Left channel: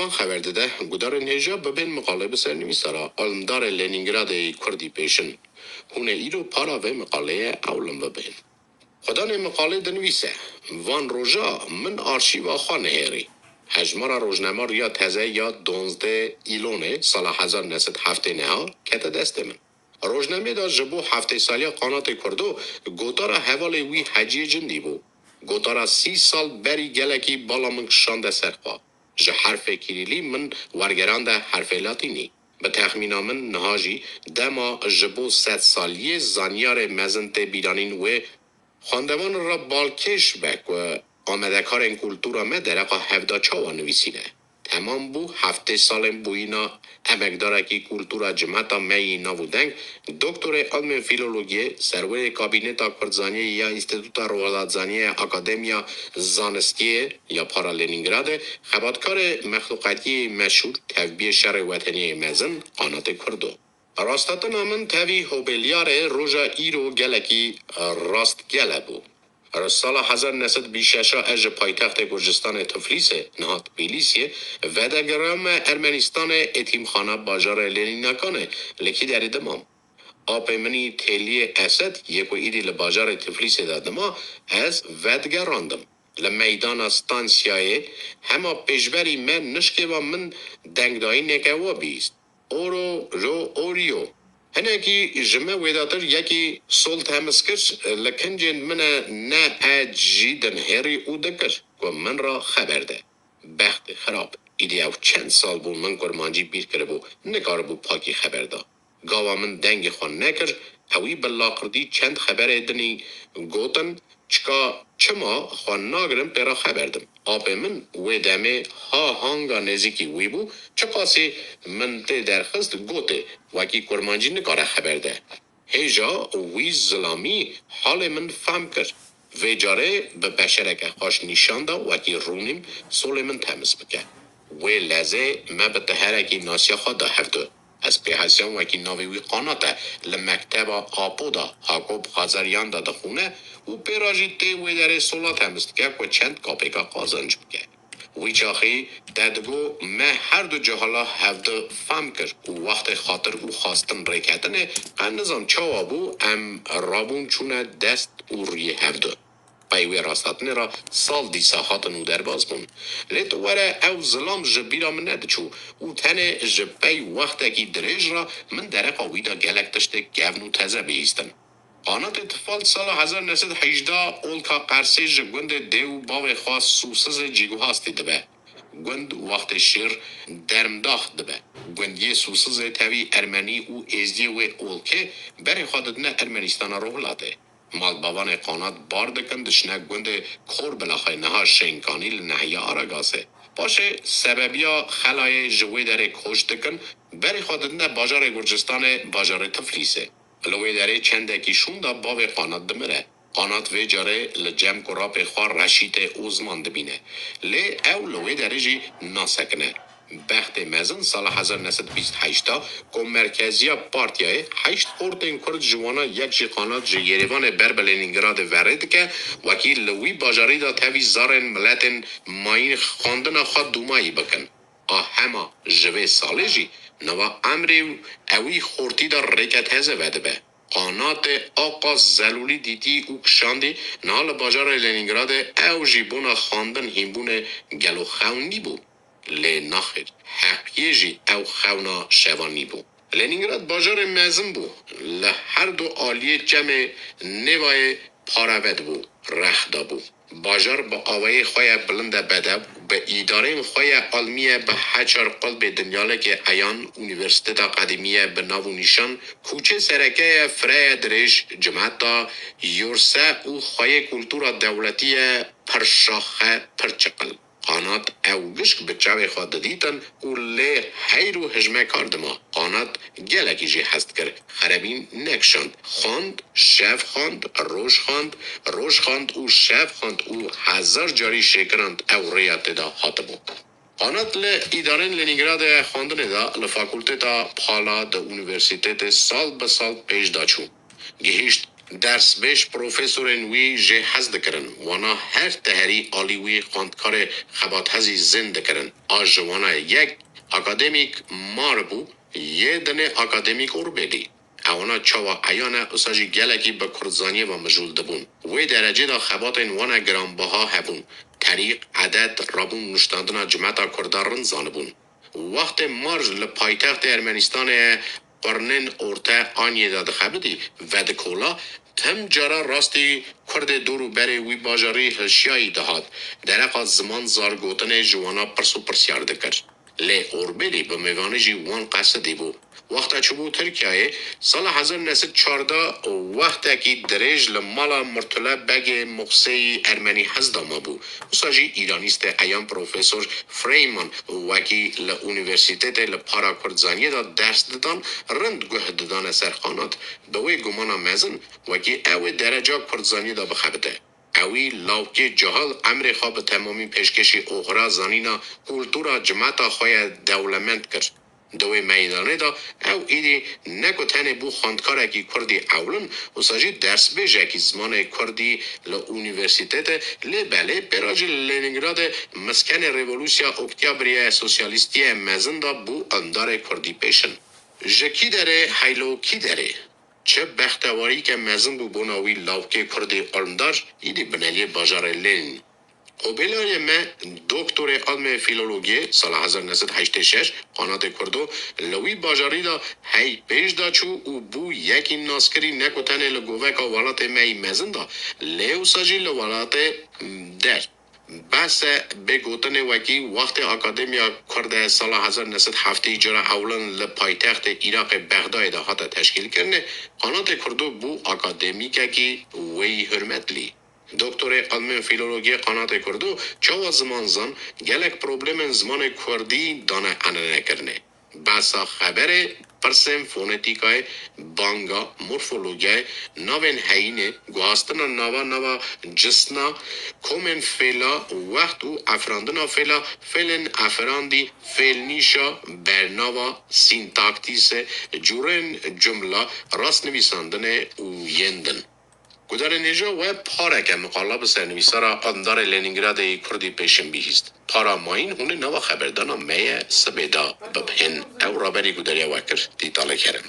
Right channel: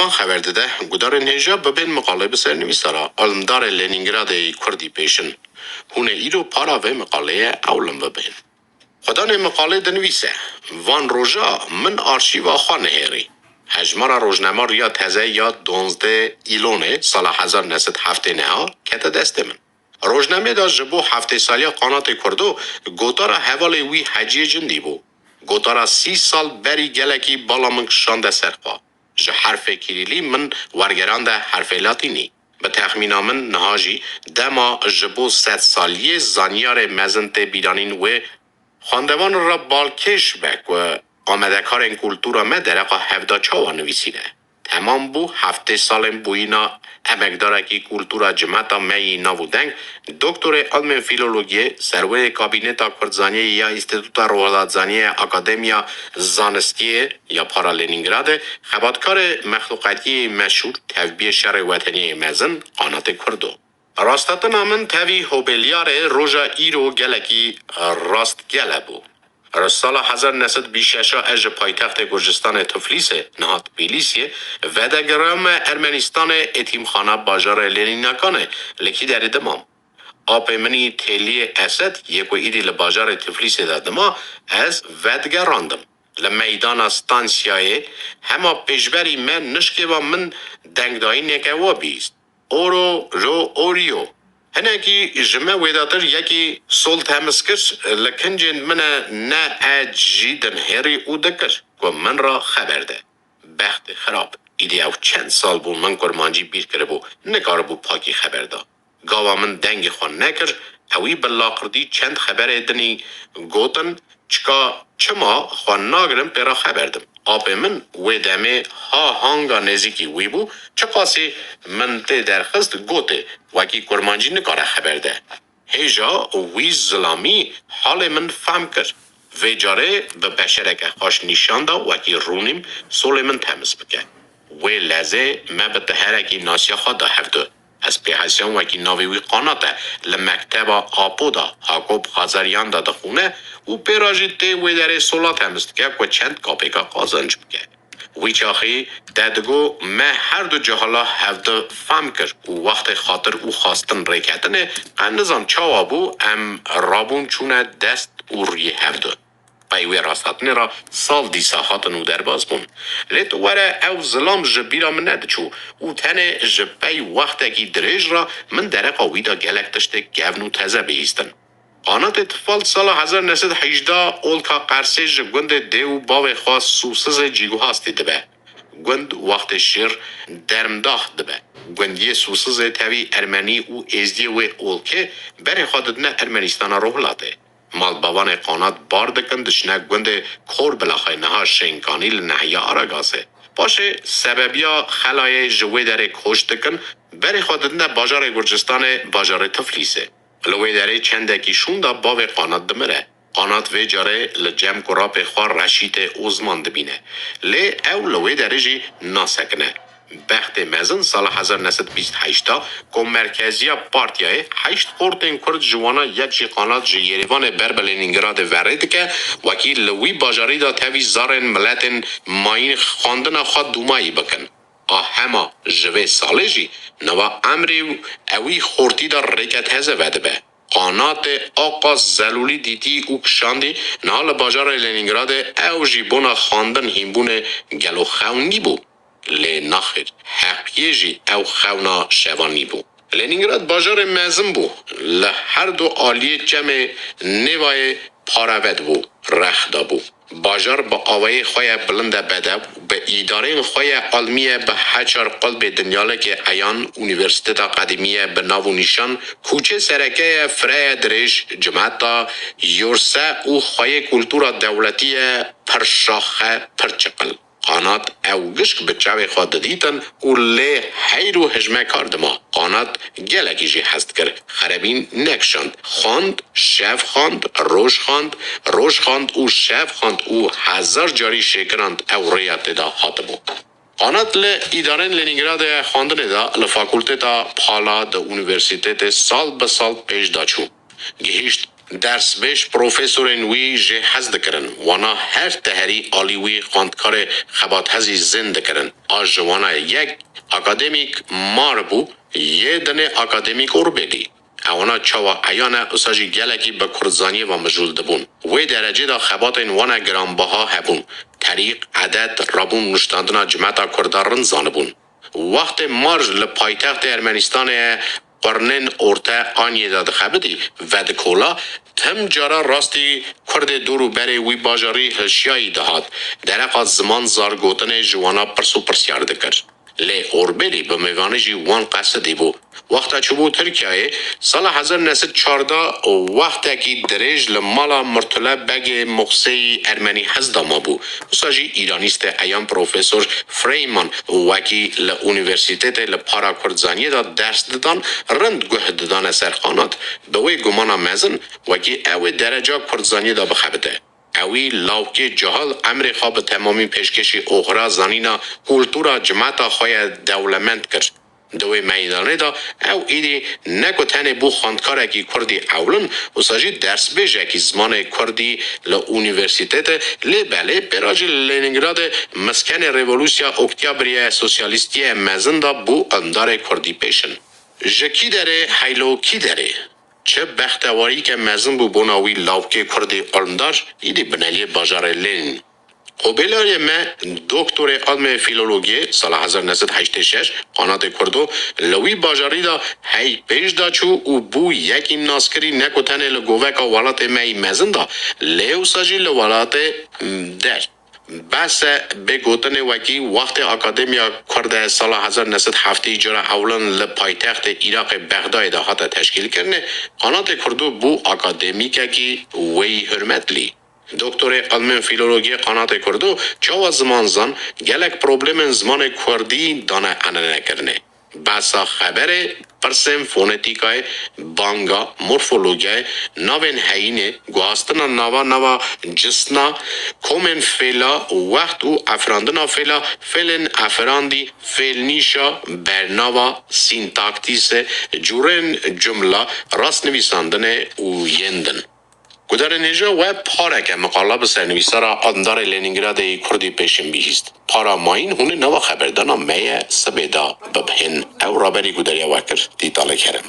وان خبر داده گدار نهجا ببین مقاله بسر نویسارا علمدار لنینگراد کردی پیشن هونه ایرو پارا و مقاله اولم ببین خدا مقاله دنویسه وان روژا من آرشیوا خانه هیری هجمارا روزنامه یا تازه یا 12 ایلونه سال 1979 کت دست من روزنامه دا جبو هفته سالیا قانات کردو گوتارا حوالی وی حجی جندی بو گوتارا 30 سال بری گلکی بالا من شانده سرقا جه حرف کلیلی من ورگران ده حرف لاتینی به تخمین من نهاجی دما جبو 100 سالیه زانیار مزنت بیرانین و خواندوان را بالکش بک و آمده کار این کلتورا مدرقا 74 نویسیده. تمام بو 7 سال بوینا امکداره که کلتورا جمعتا می نابودنگ دکتر علم فیلولوژی سروی کابینتا کردزانی یا انستیتوتا روحلاتزانی اکادمیا زانستی یا پارالینینگراد خباتکار مخلوقاتی مشهور تفبیه شهر وطنی مزن قانات کردو. راستاتنا من تاوی هوبلیار روژا ایرو گلکی راست گله بو. سال 1926 از پایتخت گرجستان تفلیس نهاد تبلیسیه و در گرام ارمنستان اتیمخانه باجار لنیناکانه لکی در دمام. آب منی تلی اسد یک و ایدی لباجار تفلیس دادما از ودگراندم. لمیدان استانسیای همه پیشبری من نشکه و من دنگدایی نکوا بیست. اورو رو اوریو هنگی جمع ویداتر یکی سلط همسکر لکنجن من نه اجیدن هری او دکر و من را خبر ده بخت خراب ایدی او چند سال بون من کرمانجی بیر کرده بو نکار بو پاکی خبر ده گاوا من دنگ خوان نکر اوی بلاقردی چند خبر دنی گوتن چما خوان ناگرم پیرا خبردم آب من ویدمه ها هانگا نزیکی وی بو چقاسی من ته درخست گوته وکی کرمانجی نکاره خبر ده هیجا وی ظلامی حال من فهم کرد وی جاره به بشرک خوش نشان دا وکی رونیم سول من تمس بکه وی لزه ما به تهرکی ناسیا خود دا هفته از پیحسیان وکی ناوی وی قاناته لمکتب آپو دا حاکوب خازریان دا دخونه و پیراجی تی وی داره سولات همست که و چند کاپیکا قازنج بکه وی چاخی دادگو ما هر دو جهالا هفته فهم کرد و وقت خاطر او خواستن ریکتنه قنزان چاوابو ام رابون چونه دست او ری هفته پیوی راستاتنه را سال دیسا خاطن او در باز بون لیت وره او ظلام جبیرا من ندچو او تنه جبی وقت کی دریج را من درقا ویدا گلک تشته گونو تزه بیستن قانات اتفال سال 1918 اولکا قرسیج گوند دیو باو خواست سوسز جیگو هاستی دبه. گوند وقت شیر درمداخ دبه. گوندی سوسز تاوی ارمنی و ازدی و اولکه بری خادد نه ارمنستان روحلاته. مال باوان قانات باردکن دشنه گوند کور بلاخای نها شنکانی لنهی آراگاسه. باشه سببیا خلای جوی در کشتکن بری خادد نه باجار گرجستان باجار تفلیسه. لوی داره چندکی شوندا باو قانات دمره. قانات وی جاره لجم کراپ خواه رشید اوزمان دبینه. لی او لوی داره جی ناسکنه. بخت مزن سال 1928 که مرکزی پارتیای 8 قرطن کرد جوانا یک جی قانات جی یریوان بربلینینگراد ورد که وکیل لوی باجاری دا تاوی زارن ملتن ماین خواندن خواه دومایی بکن. همه جوه ساله جی نوا امری اوی خورتی دا رکت هزه وده به. قانات آقا زلولی دیدی او کشاندی نال باجار لنینگراد او جیبونا خواندن هیمبون گلو خونی بو. لی نخیر حقیه جی او خونا شوانی بو. لنینگراد باجار مزم بو. لهر دو آلی جمع نوای پاروید بو. رخدا بو. باجار با آوای خواه بلند بده به اداره خواه علمیه به هچار قلب دنیاله که ایان اونیورسیتت قدیمیه به ناو نشان کوچه سرکه فرای درش جمعتا یورسه او خواه کلتورا دولتی پرشاخه پرچقل قانات او گشک به چاوی خواد دیتن او لی حیرو هجمه کردما قانات گلکی جی هست کرد خرابین نکشند خواند شف خواند روش خواند او شف خواند او 1000 جاری شکرند او ریات دا حاتبو قانات لی ادارن لنینگراد خواندن دا لفاکولته دا پالا دا اونیورسیتت سال به سال پیش دا چو گهیشت درس بیش پروفسورین وی جه حزد کرن وانا هر تهری آلی وی خاندکار خبات هزی زند کرن آج وانا یک اکادمیک مار بو یه دنه اکادمیک اوربلی اونا چاوا ایانا اساجی گلکی به کرزانی و مجول دبون وی درجه دا خبات این وانا گرانبها هبون طریق عدد رابون نشتاندنا جمعتا کردارن زانبون وقت مارج لپایتخت ارمنستان قرنن ارته آنیه داد خبدی و دکولا تم جارا راستی کرد دورو بره وی باجاری هشیایی دهات درق زمان زارگوتن جوانا پرسو پرسیار دکر لی اوربلی به میوانه جی وان قصدی بو وقتا چوبو ترکیه سال 1914 وقتا کی دریج لمالا مرتله بگ مقصی ارمنی حزدا ما بو وساجی ایرانیست ایام پروفسور فریمان وکی لونیورسیتت لپارا کردزانیه دا درس دادن رند گوه دادن سرخانات به وی گمانا مزن وکی او درجه کردزانیه دا بخبده اوی لاوکی جهال امر خواب تمامی پیشکشی اخرى زنینا کلتورا جماعتا خواه دولمند کرد. دوی میدانه دا او ایدی نکو تنه بو خاندکاره کی کردی اولن و ساجی درس بیجه کی زمان کردی لونیورسیتت لی بله براج لینینگراد مسکن ریولوسیا اکتیابری سوسیالیستی مزن دا بو اندار کردی پیشن. جکی داره حیلو کی داره؟ چه بختواری که مزن بو بناوی لاوکی کردی اندار ایدی بنالی باجار لین. قبیلای ما دکتر علم فیلولوژی سال 1986 قنات کردو لوی باجاری دا هی پیش دا چو و بو یکی ناسکری نکوتن لگوه که ولات مای مزن دا لیو ساجی لولات در بس به گوتن وکی وقت اکادمیا کرده سال 1907 جرا اولن لپایتخت عراق بغداد هات تشکیل کرنه قنات کردو بو اکادمیکه کی وی حرمتلی دکتر علم فیلولوژی قنات کردو چاوا زمان زن گلک پروبلم زمان کردی دانه انه کرنه بسا خبره پرسم فونتیکای بانگا مورفولوژی نوین هینه گواستنا نوا جسنا کومن فعلا وقت و افراندنا فعلا فعلن افراندی فعل نیشا برناوا سینتاکتیس جورن جمله راست نویساندن و یندن گذر نجا و پارک مقاله به سرنویسه را اندار لنینگراد کردی پیشن بیهیست. پارا ماین هونه نوا خبردانا میه سبیدا ببهن او رابری گذریا وکر دیتاله کرم.